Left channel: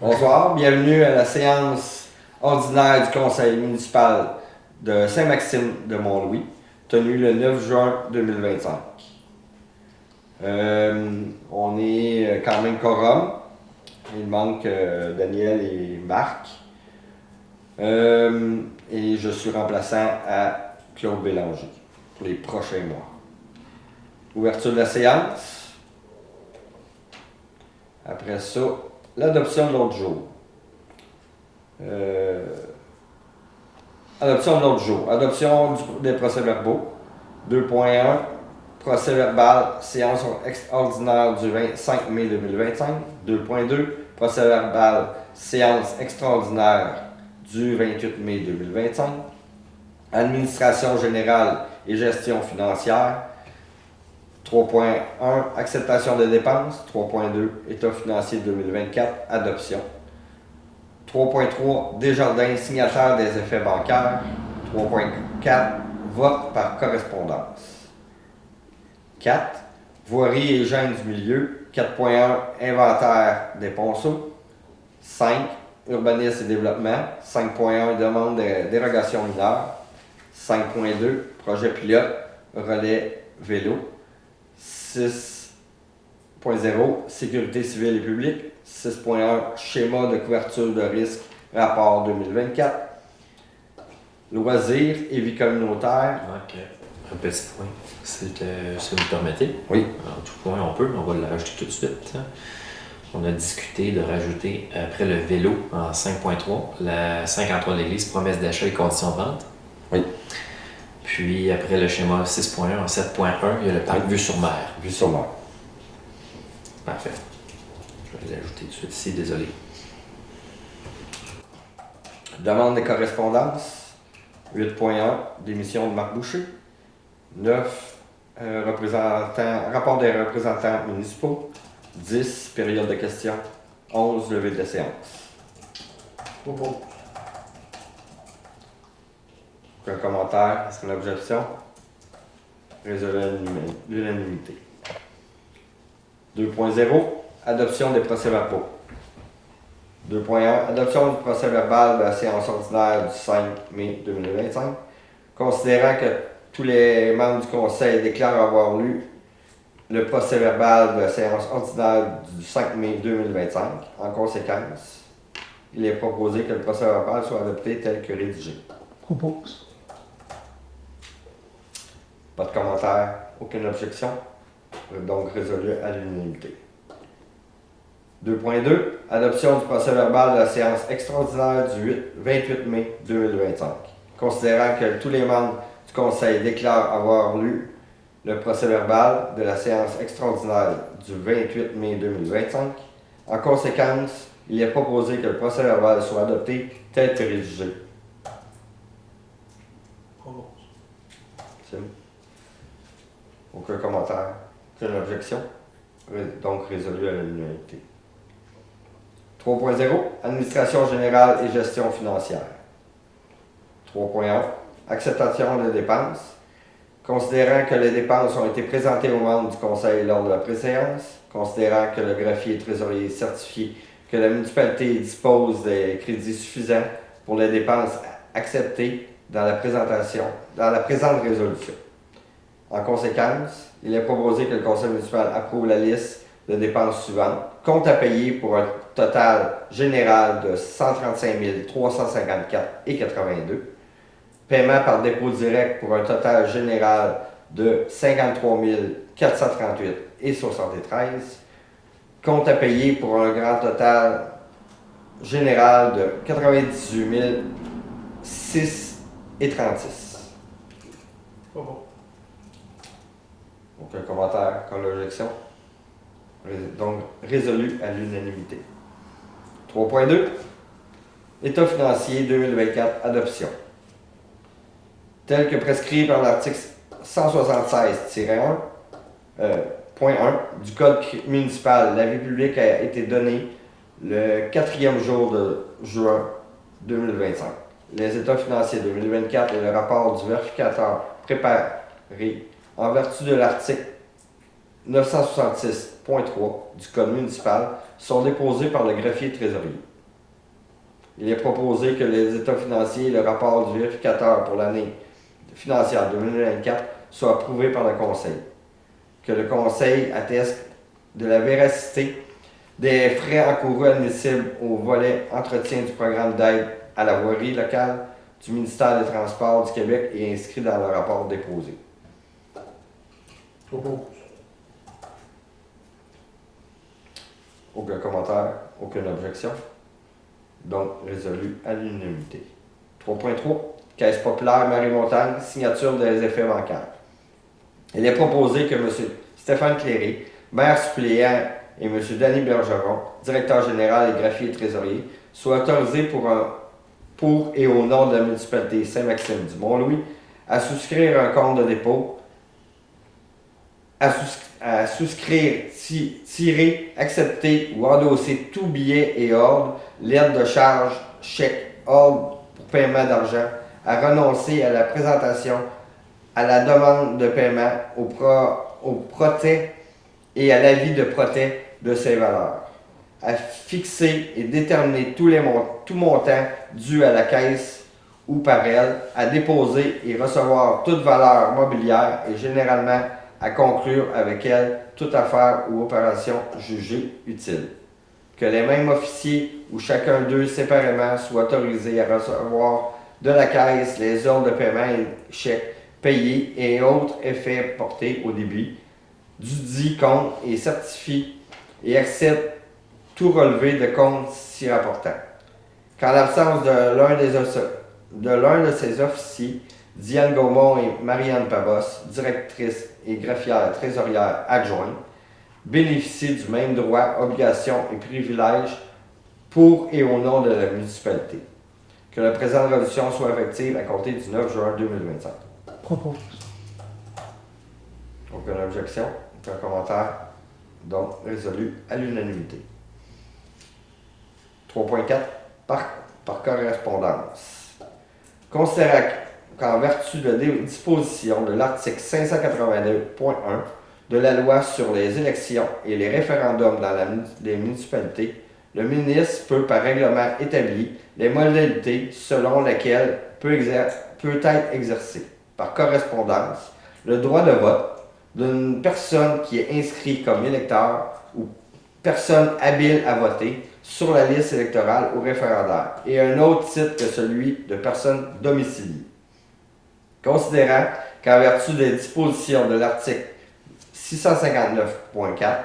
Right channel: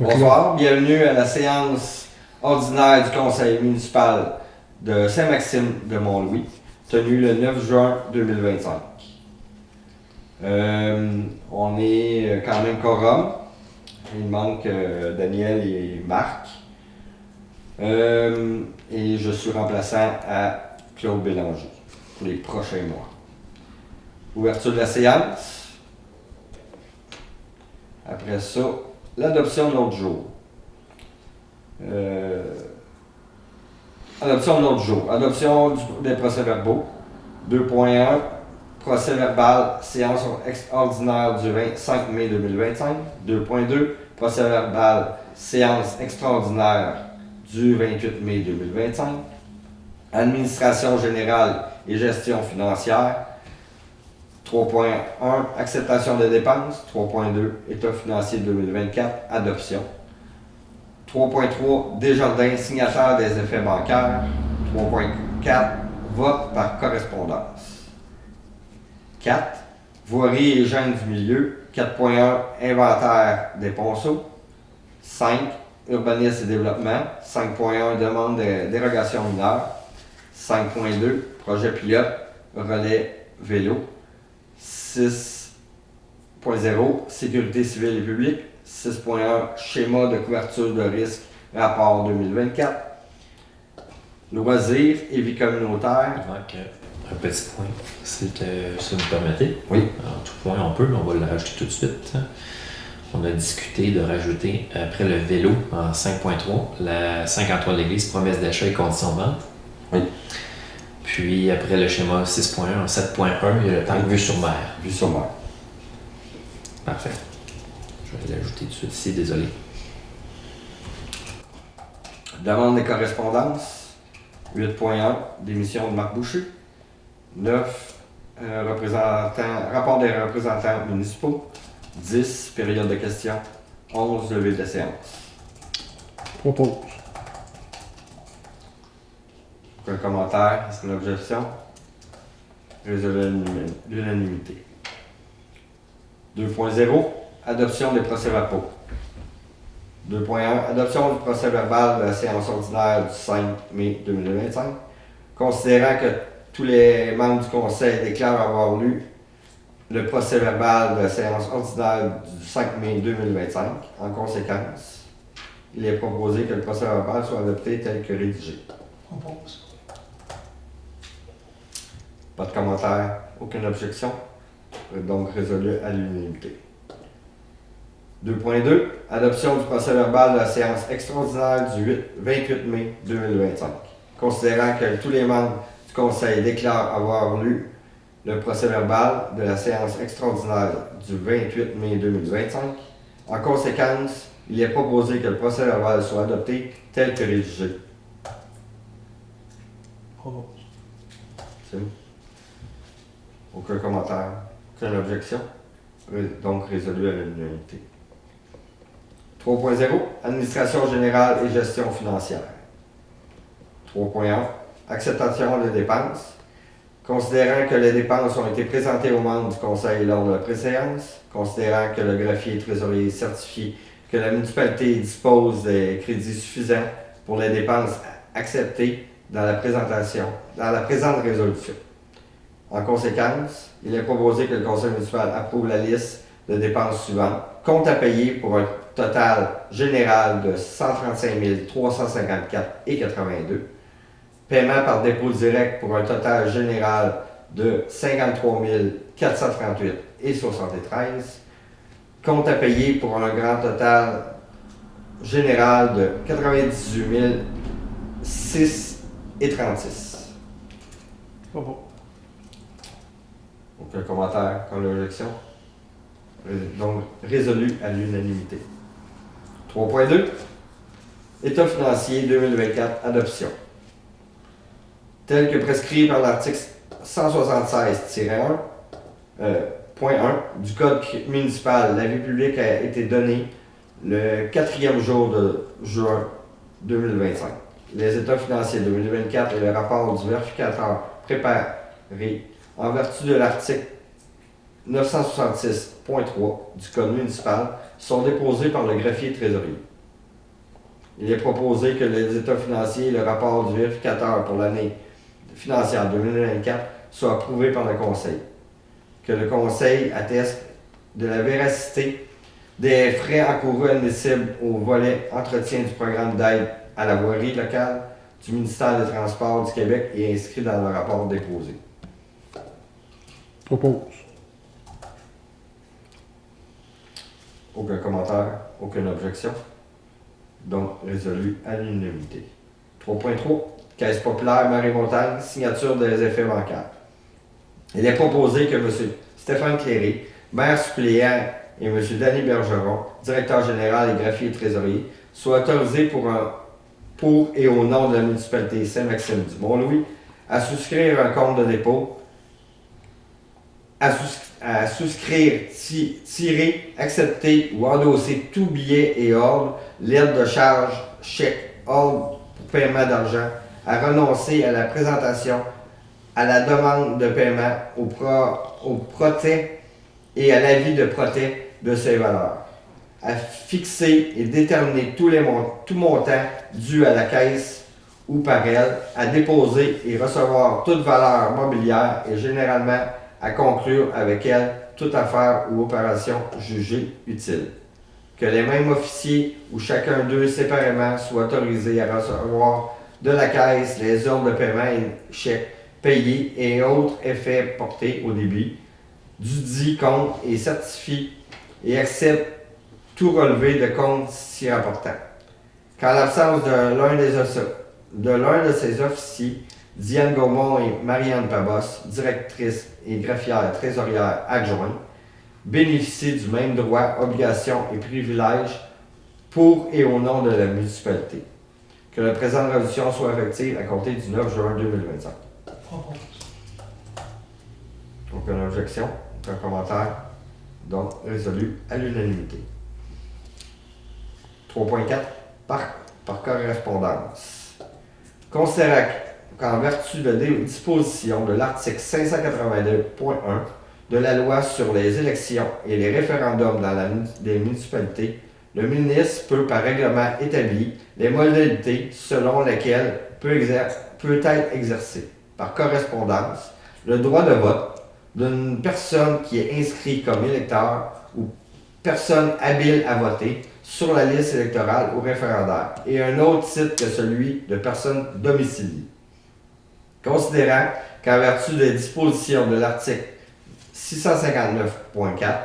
Bonsoir, bienvenue à la séance ordinaire du conseil municipal de Saint-Maxime de Mont-Louis, tenue le 9 juin 2025. On est quand même quorum. Il manque Daniel et Marc. Et je suis remplaçant à Claude Bélanger pour les prochains mois. Ouverture de la séance. Après ça, l'adoption de l'autre jour. Adoption de l'autre jour. Adoption des procès-verbaux. 2.1. Procès-verbal, séance ordinaire du 25 mai 2025. 2.2. Procès-verbal, séance extraordinaire du 28 mai 2025. Administration générale et gestion financière. 3.1. Acceptation de dépenses. 3.2. État financier 2024. Adoption. 3.3. Desjardins, signataire des effets bancaires. 3.4. Vote par correspondance. 4. Voirie et gêne du milieu. 4.1. Inventaire des ponceaux. 5. Urbanisme et développement. 5.1. Demande de dérogation mineure. 5.2. Projet pilote. Relais vélo. 6.0. Sécurité civile et publique. 6.1. Schéma de couverture de risque. Rapport 2024. Loisirs et vie communautaire. Il manque un petit point, si vous me permettez. Oui. Alors, tout point, on va le rajouter tout de suite. On a discuté de rajouter, après le vélo, en 5.3, la 53 de l'église, promesse d'achat et conditions de vente. Oui. Puis après le schéma 6.1, en 7.1, il y a le parc vue sur mer. Vue sur mer. Parfait. Je vais l'ajouter tout de suite ici, désolé. Demande des correspondances. 8.1. Démission de Marc Boucher. 9. Rapport des représentants municipaux. 10. Période de questions. 11. Levée de séance. Propose. Un commentaire, c'est une objection. Résolu à l'unanimité. 2.0. Adoption des procès-verbaux. 2.1. Adoption du procès-verbal de la séance ordinaire du 5 mai 2025. Considérant que tous les membres du conseil déclarent avoir lu le procès-verbal de la séance ordinaire du 5 mai 2025, en conséquence, il est proposé que le procès-verbal soit adopté tel que rédigé. Propose. Pas de commentaire, aucune objection. Donc résolu à l'unanimité. 2.2. Adoption du procès-verbal de la séance extraordinaire du 28 mai 2025. Considérant que tous les membres du conseil déclarent avoir lu le procès-verbal de la séance extraordinaire du 28 mai 2025, en conséquence, il est proposé que le procès-verbal soit adopté tel que rédigé. Propose. Aucun commentaire, aucune objection. Donc résolu à l'unanimité. 3.0. Administration générale et gestion financière. 3.1. Acceptation de dépenses. Considérant que les dépenses ont été présentées aux membres du conseil lors de la préséance, considérant que le greffier trésorier certifie que la municipalité dispose des crédits suffisants pour les dépenses acceptées dans la présente résolution. En conséquence, il est proposé que le conseil municipal approuve la liste de dépenses suivantes. Compte à payer pour un total général de 135 354,82 $. Paiement par dépôt direct pour un total général de 53 438,73 $. Compte à payer pour un grand total général de 98 6,36 $. Propose. Aucun commentaire, aucune objection. Donc, résolu à l'unanimité. 3.2. État financier 2024, adoption. Tel que prescrit par l'article 176-1, point 1 du Code municipal, l'avis public a été donné le 4e jour de juin 2025. Les états financiers 2024 et le rapport du vérificateur préparé en vertu de l'article 966.3 du Code municipal sont déposés par le greffier trésorier. Il est proposé que les états financiers et le rapport du vérificateur pour l'année financière 2024 soient approuvés par le Conseil. Que le Conseil atteste de la véracité des frais encourus admissibles au volet entretien du programme d'aide à la voirie locale du ministère des Transports du Québec et inscrit dans le rapport déposé. Propose. Aucun commentaire, aucune objection. Donc, résolu à l'unanimité. 3.3. Caisse populaire Marie-Montagne, signature des effets bancaires. Il est proposé que M. Stéphane Cléré, maire suppléant, et M. Danny Bergeron, directeur général et greffier et trésorier, soient autorisés pour et au nom de la municipalité Saint-Maxime du Mont-Louis à souscrire un compte de dépôt, à souscrire, tirer, accepter ou endosser tout billet et ordre, lettre de charge, chèque, ordre pour paiement d'argent, à renoncer à la présentation, à la demande de paiement, au protet et à l'avis de protet de ces valeurs, à fixer et déterminer tout montant dû à la caisse ou par elle, à déposer et recevoir toute valeur mobilière et généralement à conclure avec elle toute affaire ou opération jugée utile. Que les mêmes officiers ou chacun d'eux séparément soient autorisés à recevoir de la caisse les ordres de paiement et chèques payés et autres effets portés au débit du dit compte et certifie et accepte tout relevé de compte si rapportant. Qu'en l'absence de l'un de ces officiers, Diane Gaumont et Marianne Pabos, directrice et greffière trésorière adjointe, bénéficient du même droit, obligations et privilèges pour et au nom de la municipalité. Que la présente résolution soit effective à compter du 9 juin 2025. Propose. Aucune objection, aucun commentaire. Donc, résolu à l'unanimité. 3.4. Par correspondance. Considérant qu'en vertu de disposition de l'article 582.1 de la loi sur les élections et les référendums dans les municipalités, le ministre peut, par règlement établi, les modalités selon lesquelles peut être exercé, par correspondance, le droit de vote d'une personne qui est inscrite comme électeur ou personne habile à voter sur la liste électorale ou référendaire, et un autre titre que celui de personne domiciliée. Considérant qu'en vertu des dispositions de l'article 659.4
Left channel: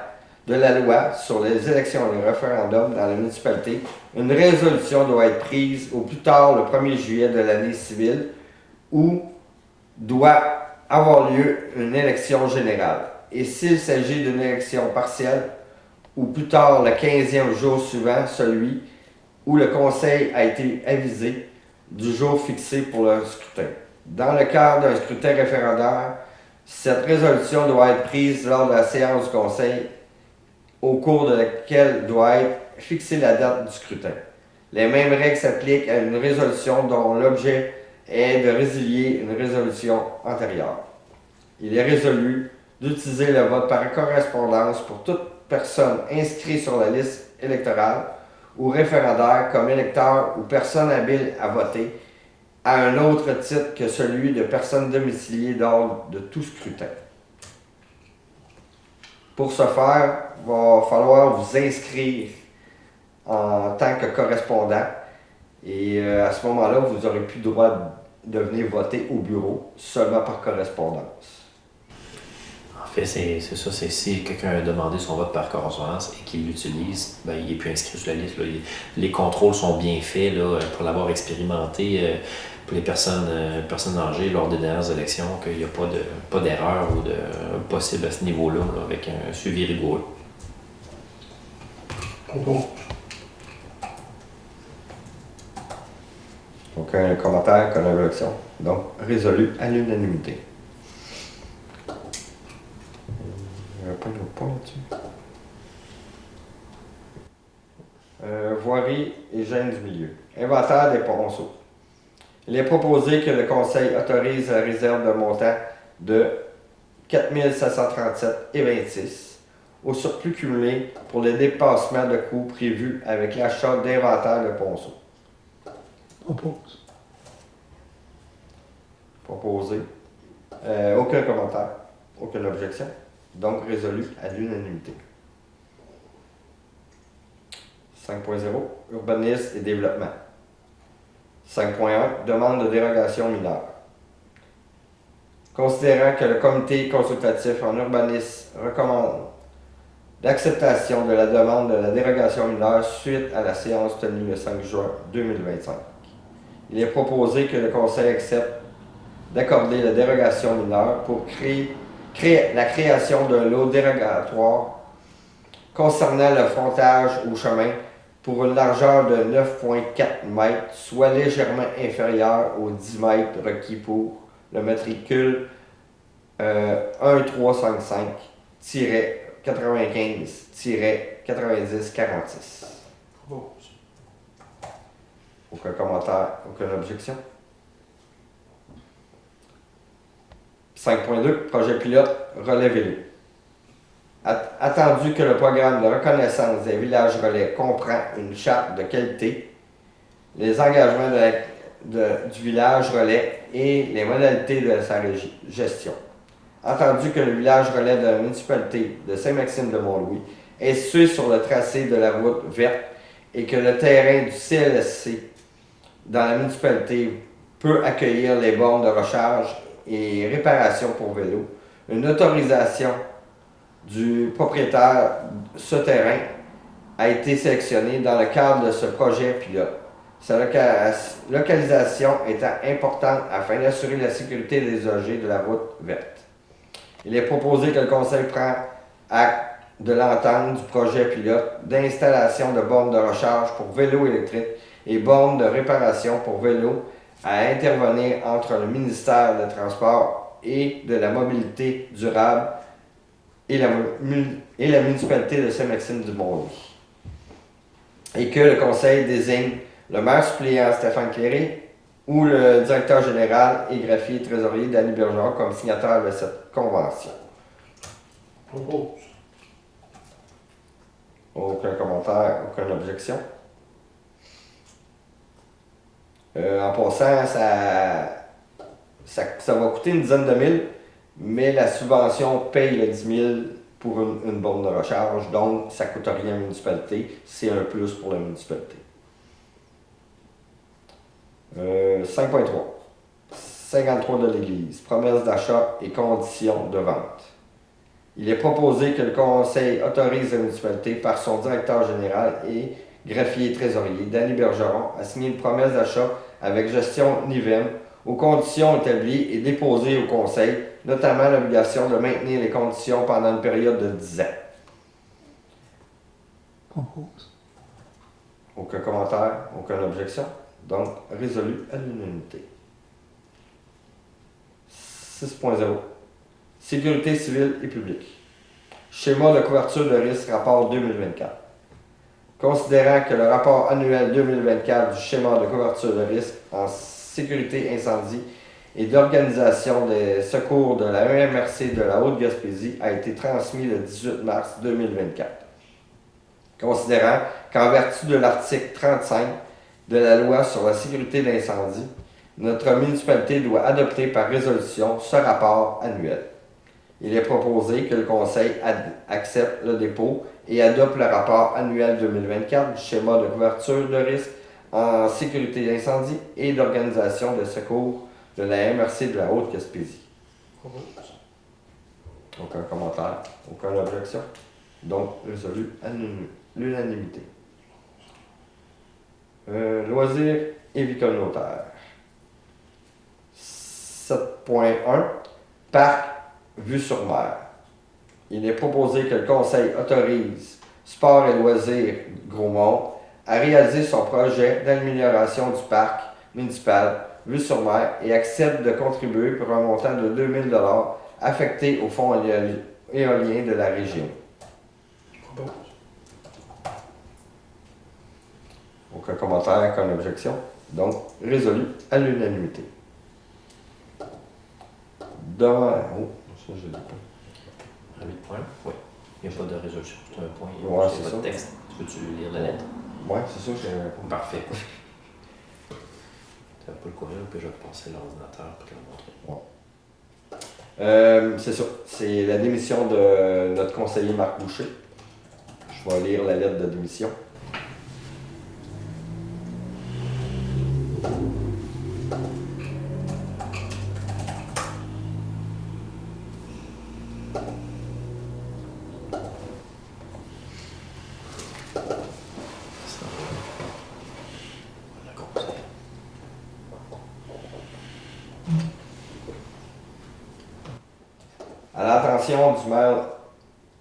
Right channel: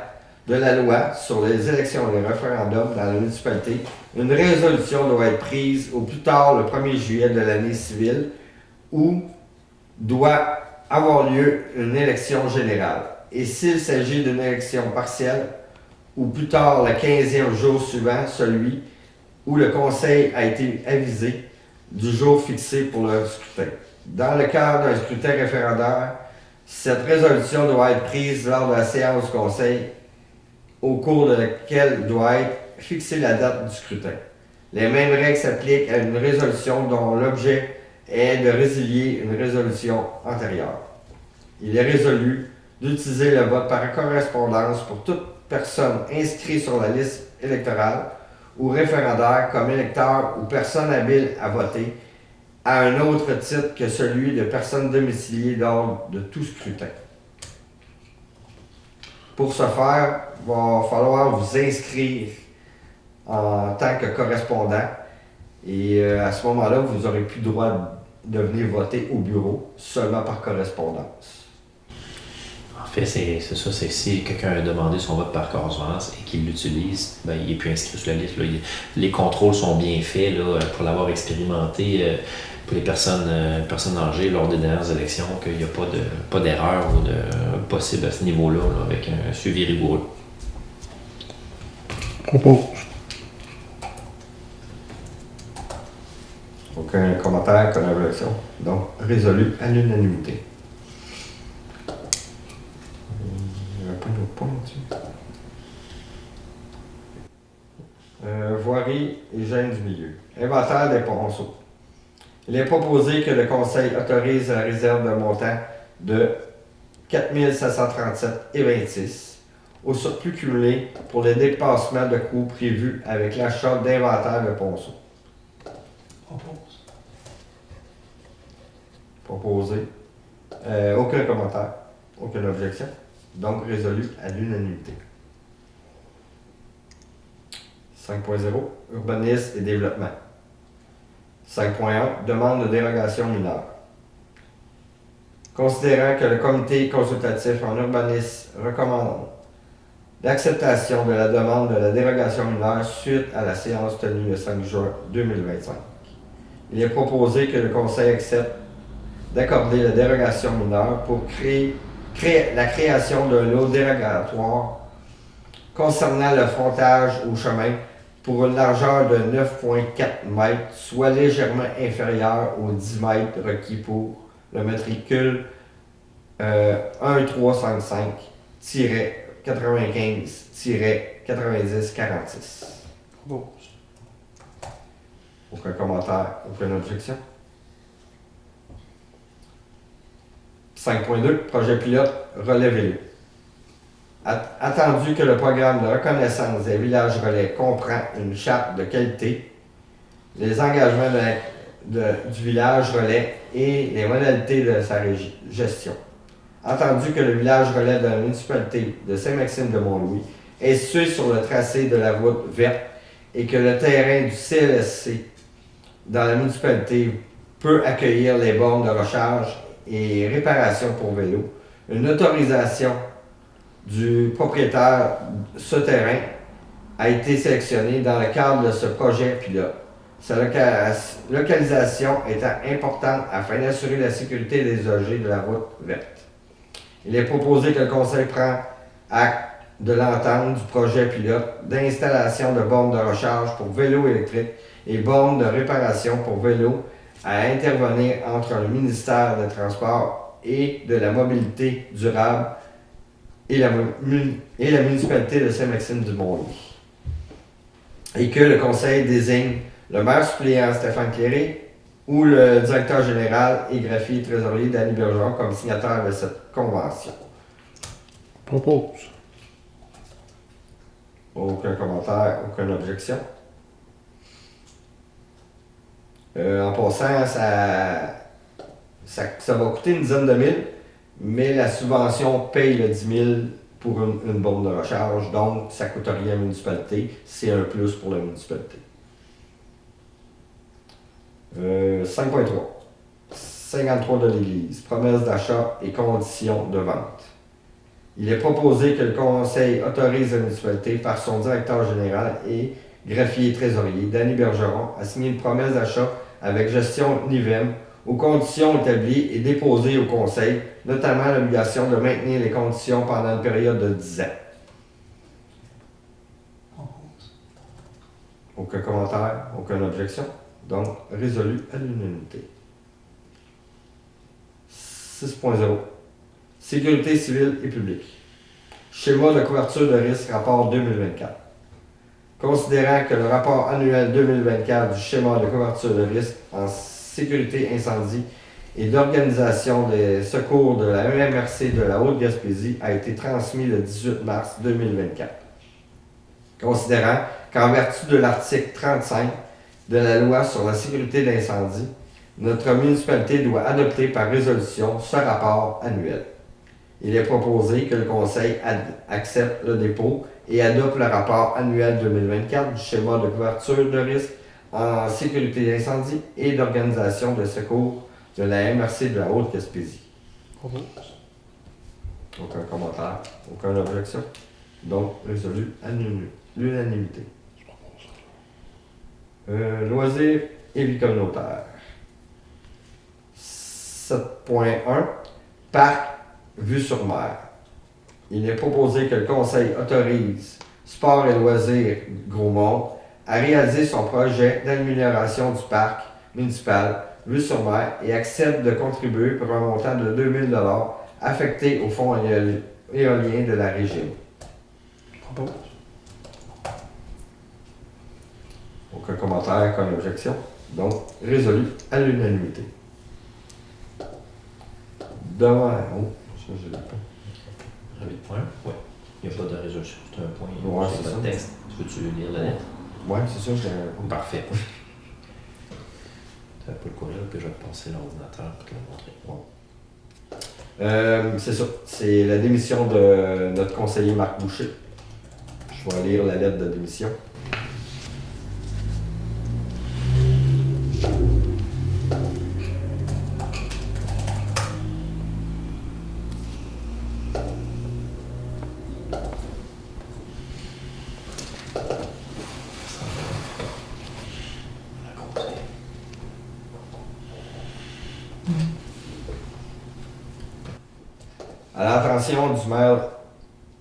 de la loi sur les élections et les référendums dans la municipalité, une résolution doit être prise au plus tard le 1er juillet de l'année civile où doit avoir lieu une élection générale. Et s'il s'agit d'une élection partielle, ou plus tard le 15e jour suivant celui où le conseil a été avisé du jour fixé pour le scrutin. Dans le cadre d'un scrutin référendaire, cette résolution doit être prise lors de la séance du conseil au cours de laquelle doit être fixée la date du scrutin. Les mêmes règles s'appliquent à une résolution dont l'objet est de résilier une résolution antérieure. Il est résolu d'utiliser le vote par correspondance pour toute personne inscrite sur la liste électorale ou référendaire comme électeur ou personne habile à voter à un autre titre que celui de personne domiciliée lors de tout scrutin. Pour ce faire, il va falloir vous inscrire en tant que correspondant et à ce moment-là, vous n'aurez plus le droit de venir voter au bureau, seulement par correspondance. En fait, c'est ça, c'est que si quelqu'un a demandé son vote par correspondance et qu'il l'utilise, ben, il n'est plus inscrit sur la liste. Là. Les contrôles sont bien faits là, pour l'avoir expérimenté pour les personnes âgées lors des dernières élections, qu'il n'y a pas d'erreur ou de possible à ce niveau-là là, avec un suivi rigoureux. Propose. Aucun commentaire, aucune objection. Donc, résolu à l'unanimité. Il n'y avait pas d'autre point là-dessus. Voirie et gêne du milieu. Inventaire des ponceaux. Il est proposé que le Conseil autorise la réserve de montant de 4 737,26 au surplus cumulé pour les dépassements de coûts prévus avec l'achat d'inventaire de ponceaux. Propose. Proposé. Aucun commentaire. Aucune objection. Donc résolu à l'unanimité. 5.0. Urbanisme et développement. 5.1. Demande de dérogation mineure. Considérant que le comité consultatif en urbanisme recommande l'acceptation de la demande de la dérogation mineure suite à la séance tenue le 5 juin 2025, il est proposé que le Conseil accepte d'accorder la dérogation mineure pour la création d'un lot dérogatoire concernant le frontage au chemin pour une largeur de 9,4 mètres, soit légèrement inférieure aux 10 mètres requis pour le matricule 1355-95-9046. Propose. Aucun commentaire, aucune objection. 5.2. Projet pilote relais vélo. Attendu que le programme de reconnaissance des villages relais comprend une charte de qualité, les engagements du village relais et les modalités de sa gestion. Attendu que le village relais de la municipalité de Saint-Maxime-de-Mont-Louis est situé sur le tracé de la route verte et que le terrain du CLSC dans la municipalité peut accueillir les bornes de recharge et réparation pour vélo, une autorisation du propriétaire ce terrain a été sélectionnée dans le cadre de ce projet pilote. Sa localisation étant importante afin d'assurer la sécurité des usagers de la route verte. Il est proposé que le Conseil prenne acte de l'entente du projet pilote d'installation de bornes de recharge pour vélos électriques et bornes de réparation pour vélos à intervenir entre le ministère des Transports et de la Mobilité durable et la municipalité de Saint-Maxime-du-Mont-Louis. Et que le Conseil désigne le maire suppléant Stéphane Cléré ou le directeur général et greffier trésorier Danny Bergeron comme signataire de cette convention. Propose. Aucun commentaire, aucune objection. En passant, ça va coûter une dizaine de mille, mais la subvention paye le 10 000 pour une borne de recharge, donc ça ne coûte rien à la municipalité, c'est un plus pour la municipalité. 5.3. 53 de l'Église. Promesse d'achat et conditions de vente. Il est proposé que le Conseil autorise la municipalité par son directeur général et greffier trésorier, Danny Bergeron, à signer une promesse d'achat avec gestion NIVEM aux conditions établies et déposées au Conseil, notamment l'obligation de maintenir les conditions pendant une période de 10 ans. Propose. Aucun commentaire, aucune objection. Donc, résolu à l'unanimité. 6.0. Sécurité civile et publique. Schéma de couverture de risque, rapport 2024. Considérant que le rapport annuel 2024 du schéma de couverture de risque en sécurité incendie et d'organisation des secours de la EMRC de la Haute-Gaspésie a été transmis le 18 mars 2024. Considérant qu'en vertu de l'article 35 de la loi sur la sécurité d'incendie, notre municipalité doit adopter par résolution ce rapport annuel. Il est proposé que le Conseil accepte le dépôt et adopte le rapport annuel 2024 du schéma de couverture de risque en sécurité d'incendie et d'organisation de secours de la MRC de la Haute-Gaspésie. Propose. Aucun commentaire, aucune objection. Donc, résolu à l'unanimité. Loisirs et vie communautaire. 7.1. Parc vue sur mer. Il est proposé que le Conseil autorise Sport et loisirs Gros-Monde à réaliser son projet d'amélioration du parc municipal vue sur mer et accepte de contribuer pour un montant de 2 000 $ affecté au fonds éolien de la région. Propose. Aucun commentaire, aucune objection. Donc, résolu à l'unanimité. Devant. Oh, ça, je l'ai pas. 8.1? Oui. Il n'y a pas de résolution. C'est un point. Ouais, c'est c'est pas de ça. texte. Tu veux-tu lire la lettre? Ouais, c'est ça, j'ai. Parfait. Tu n'as pas le courriel que je vais te passer l'ordinateur pour te le montrer. C'est ça. C'est la démission de notre conseiller Marc Boucher. Je vais lire la lettre de démission. À l'attention du maire,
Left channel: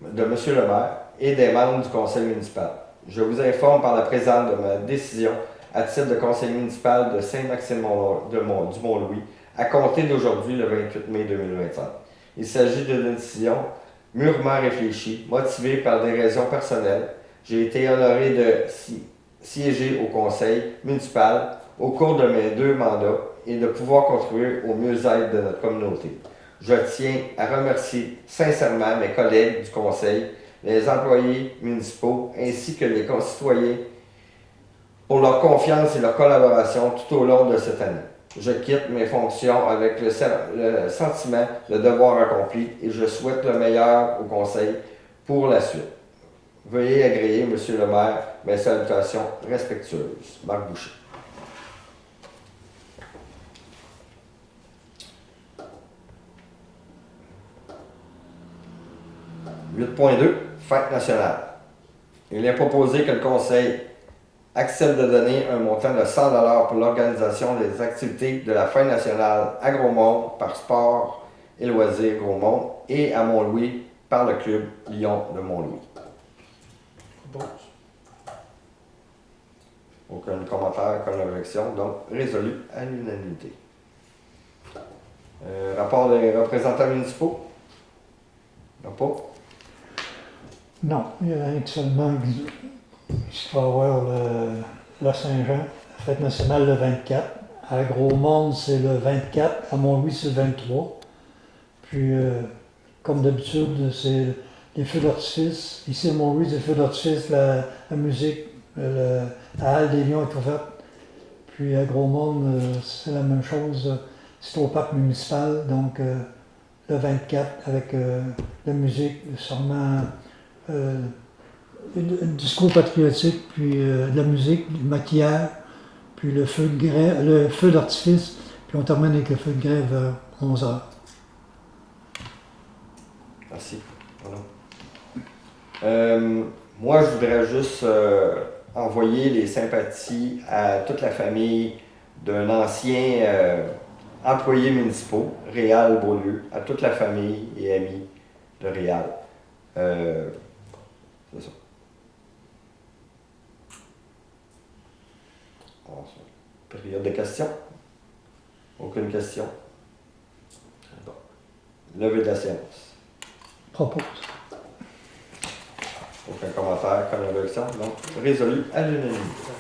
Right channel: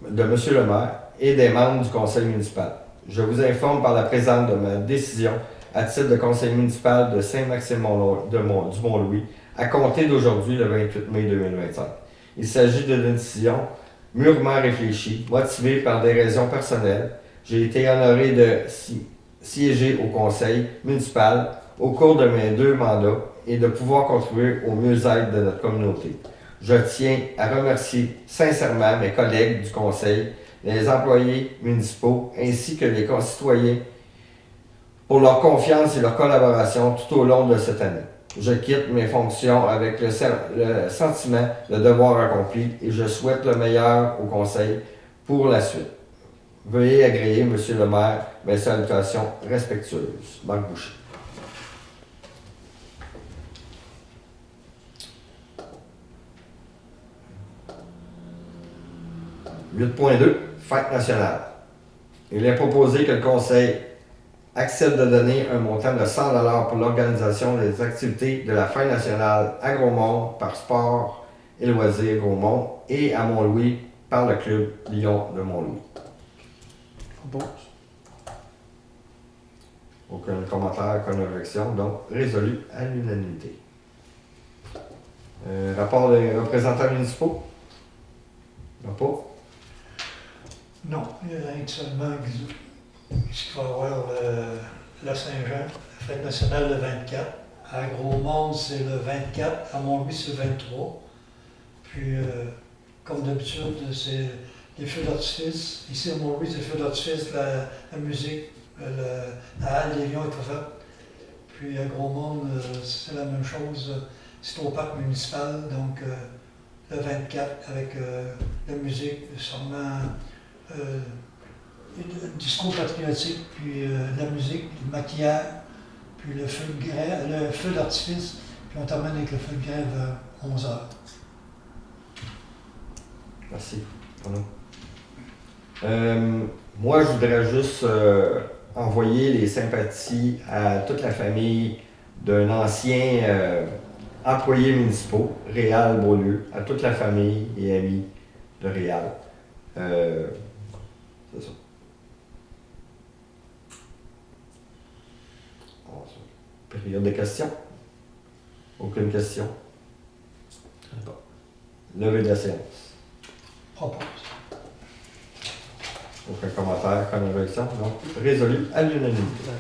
de M. le maire et des membres du conseil municipal, je vous informe par la présente de ma décision à titre de conseiller municipal de Saint-Maxime du Mont-Louis à compter d'aujourd'hui, le 28 mai 2025. Il s'agit d'une décision mûrement réfléchie, motivée par des raisons personnelles. J'ai été honoré de siéger au conseil municipal au cours de mes 2 mandats et de pouvoir contribuer au mieux-être de notre communauté. Je tiens à remercier sincèrement mes collègues du conseil, les employés municipaux ainsi que les concitoyens pour leur confiance et leur collaboration tout au long de cette année. Je quitte mes fonctions avec le sentiment de devoir accompli et je souhaite le meilleur au conseil pour la suite. Veuillez agréer, Monsieur le maire, mes salutations respectueuses. Marc Boucher. « 8.2. Fête nationale. Il est proposé que le Conseil accepte de donner un montant de 100 $ pour l'organisation des activités de la Fête nationale à Gros-Monde par Sport et Loisirs Gros-Monde et à Mont-Louis par le Club Lion de Mont-Louis. » Propose. Aucun commentaire, aucune objection, donc résolu à l'unanimité. Rapport des représentants municipaux? Non pas? Non, il y a rien que seulement qu'il va y avoir la Saint-Jean, la fête nationale le 24. À Gros-Monde, c'est le 24. À Mont-Louis, c'est le 23. Puis, comme d'habitude, c'est les feux d'artifice. Ici, à Mont-Louis, c'est les feux d'artifice, la musique, la halle des Lions est ouverte. Puis, à Gros-Monde, c'est la même chose. C'est au parc municipal, donc le 24 avec la musique, sûrement un discours patriotique, puis de la musique, du maquillage, puis le feu d'artifice, puis on termine avec le feu de grève vers 11h. Merci. Moi, je voudrais juste envoyer les sympathies à toute la famille d'un ancien employé municipal, Réal Beaulieu, à toute la famille et amis de Réal. C'est ça. Période de questions? Aucune question? Bon. Levée de la séance. Propose. Aucun commentaire, aucune objection? Non. Résolu à l'unanimité.